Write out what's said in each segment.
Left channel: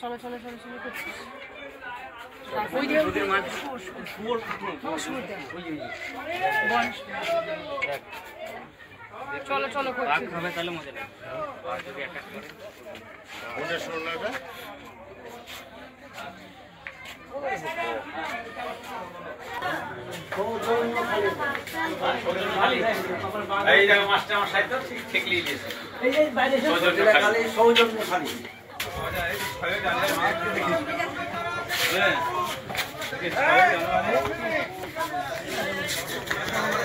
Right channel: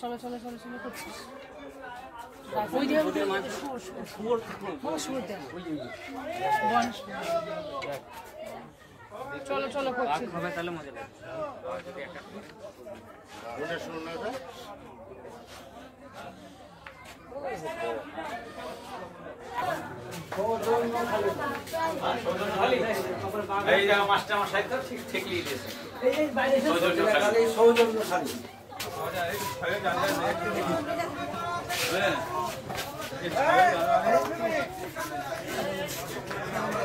চলো চলো চলো চলো করছিস চলো চলো করছি খাবে তাহলে মজা লাগবে এই জায়গা মাস্টার আমার সাইড ঠিক ঠিক লিয়ে দিয়েছে এই বাইরে সৌজন্য খালি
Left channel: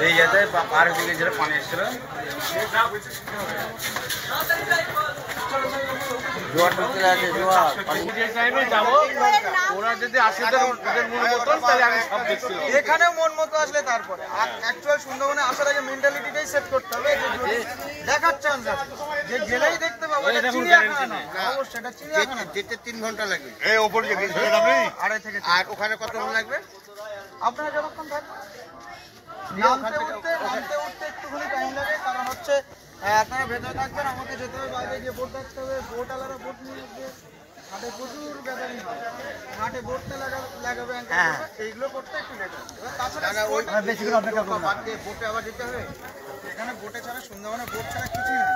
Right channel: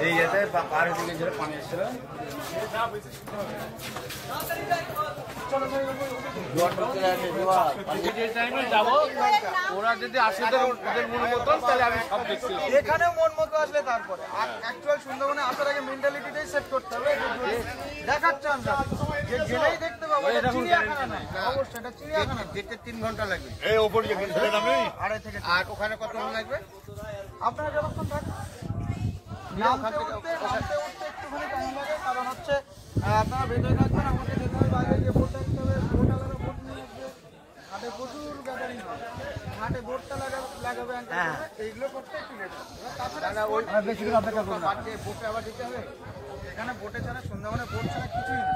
এই যেতে পার হয়ে গেছিল পানি এসেছিল ওরা যদি আসে ওদের মন মতন তাহলে আমি সব দেখছি এখানেও মন মতো আসলে তারপরে অ্যাকচুয়াল সুন্দরবনে আসার আগে মেন্টালিটিটাই সেট করতে হবে যে দেখার চান্স আছে যে গেলেই দেখতে পাবো এটা চিড়িয়াখানা না অবশ্যই এটা চিড়িয়াখানা যেতে 3 ঘন্টা লাগবে এই ওপরে যে গেছিলাম আমি 2.5 থেকে আর ওখানে কতক্ষণ লাগবে আপনারা যতক্ষণ থাকবেন নামতে উঠতে একটুখানি টাইম লাগে কারণ হচ্ছে আপনারা ভেতরে থাকবেন আমাকে যেতে হবে বাইরে যে বোট রাখতে হবে বোট আলাদা বোট নিয়ে আসবে ঘাটে প্রচুর গ্যাদারিং হয় ঘাটে বোটটা লাগাবে এইগুলো করতে একটু লেট হবে এবার তাছাড়া ওই বেশিক্ষণ অপেক্ষা করবো বোটে আবার যেতে হবে এখানে বোটে ছাড়া সুন্দরবনে বোট ছাড়া কিছুই নেই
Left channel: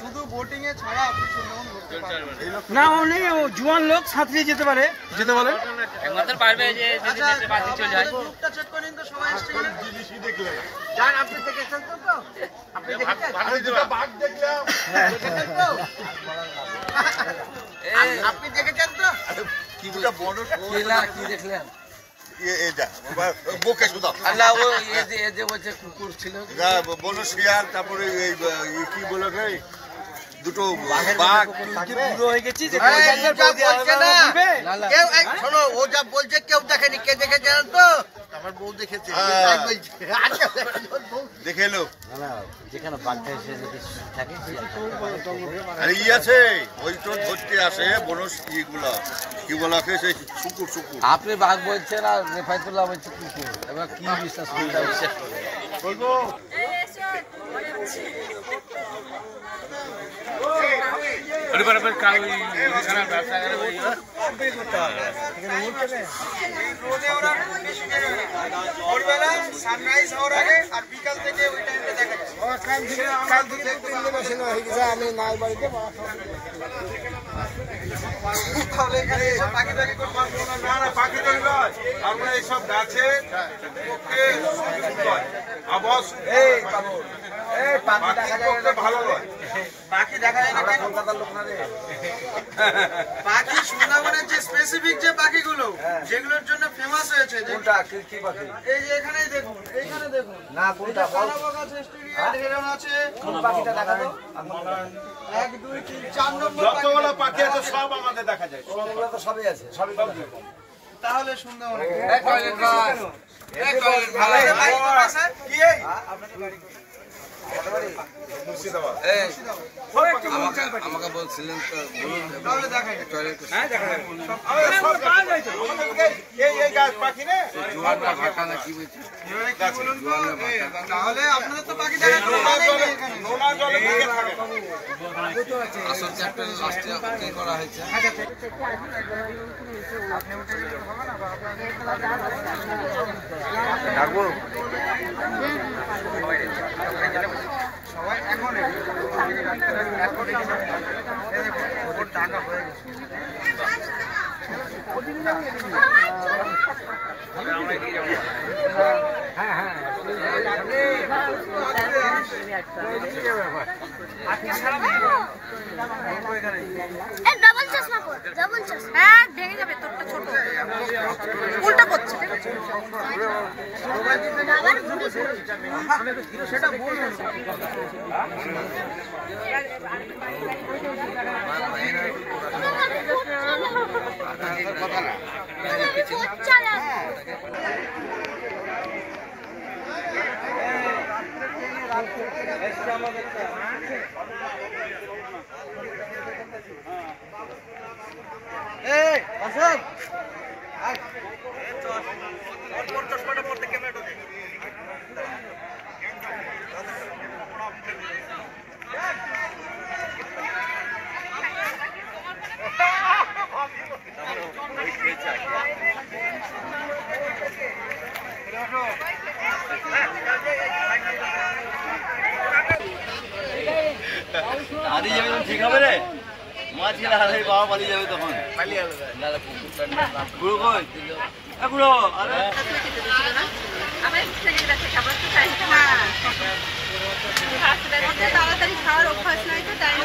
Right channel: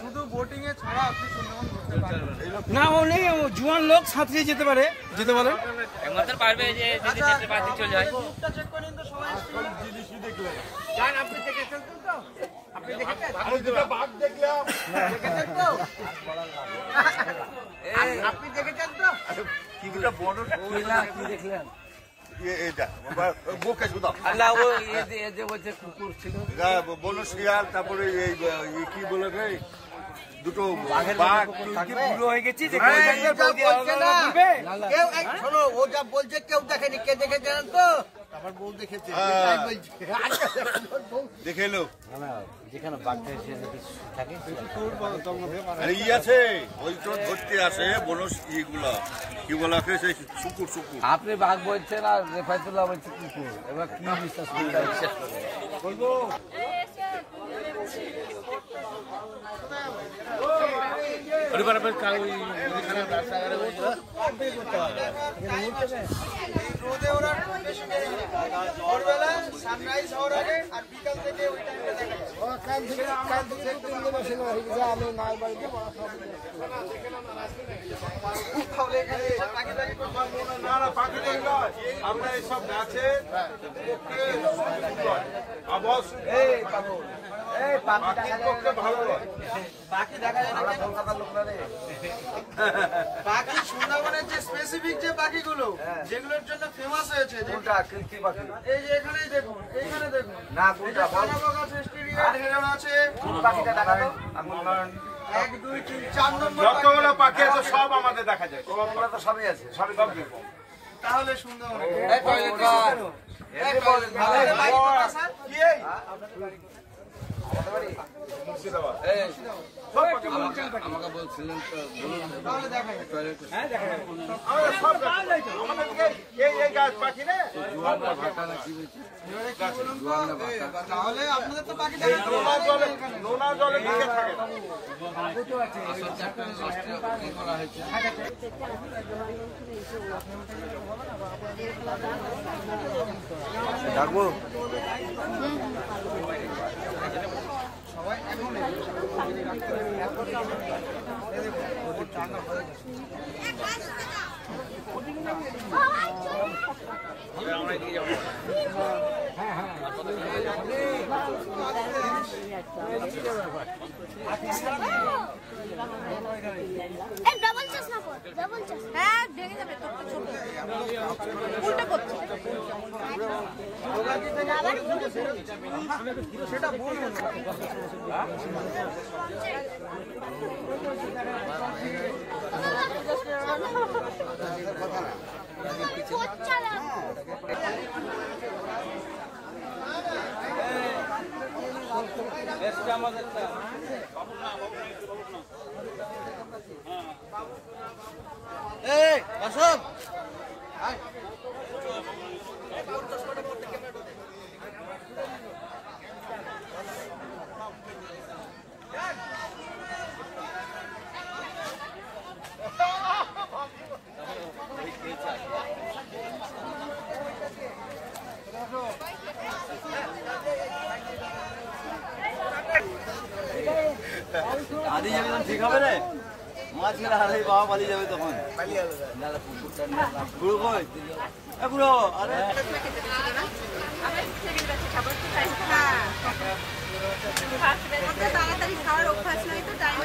শুধু বোটিং এ ছাড়া আপনি সুন্দরবন ঘুরতে পারবেন না ও নেই জুয়ান লোক সাঁতরিয়ে যেতে পারে যেতে বলে একমাত্র পারবে যে যদি নেটে বাতি চলে যায় গ্রুপটা চেক করে নিন তো সবাই এসছে কিনা জিনিসই দেখলে না জান আপনি দেখেছেন তো আপনি দেখেছেন আমি দুটো বাঘ দেখলাম দেখেছেন তো আপনি দেখেছেন তো কি দুটো বড় কি দেখলেন এটা বোকে শুধু আল্লাহ ও এ যে বলছে কুকুর ছিল বলো শিয়াল তারপরে এই কি বলে রে দুটো বাঘ বুড়ো হয়ে গেছি যে কেউ শোনো ও যা বলছে কেউ দেখেনি কে দেখেছে তো আমার বউ দেখেছে দেখে এলো যেখানে বাঘটা এসে যদি থাকে আরে ই আছে ওই তো ধরতে আসে বনস ইগুলা কি বলাকে সেই শুকুর শুকুর আপনি বাঘ বলছেন আর রেফায়তুল্লাহ বলছে কুকুর এবার কি বিশ্বাস করতে বিশ্বাস করে বলবো ভোরবেলা সানরাইজ হওয়ার আগে আর বিকাল থেকে ওই টাইমটা দেখা যায় তাহলে এখানে এসব পাখি পাখি করতে পারবো না না পাখি ধরে নয় আমরা এইসব গাছে পক্ষে আবহাওয়া পাখি পক্ষে ভালো নয় পাখি দেখা যায় না কেন পাখি সুন্দরবনের যে স্পেসিফিক যে পাখিগুলো যেগুলোর জন্য ফেমাস হয়েছে এই যে এখানেই দেখুন এইখানে দেখুন না কোনটা আছে পাখিটা দেখা যায় 1 2 3 4 নম্বর যতগুলো পাখি আছে সব আমাদের দেখা যায় সবগুলো তো সবই আছে সবই তাহলে সুন্দরবন আমাকে বলছিলেন তো বলুন জোয়ারটা ভাটা না কি বলছে তাহলে আপনাদের তো পাখি আসল চ্যাপ্টার কি করা হয়েছে সবাই এখন টাকা হয়ে গেছে ডাবল চশমা পর ডাবল চশমা হ্যাঁ ভেঙে যাবে তোরটা ছোট উল্টা করছে সেটা বলবেন কথা না এই আসেন পালিয়ে যাবে তখন ঠিক হবে রে মাছ খেলে হারাই বাবা পালিয়ে যাবে তখন পালিয়ে যাবে দাদা পুকুরটা পুরো কই পুরো আরে আমার থেকে দেখে খাবার তো টাইম তাড়াতাড়ি খাওয়ার অভ্যাস নাই তো টাইম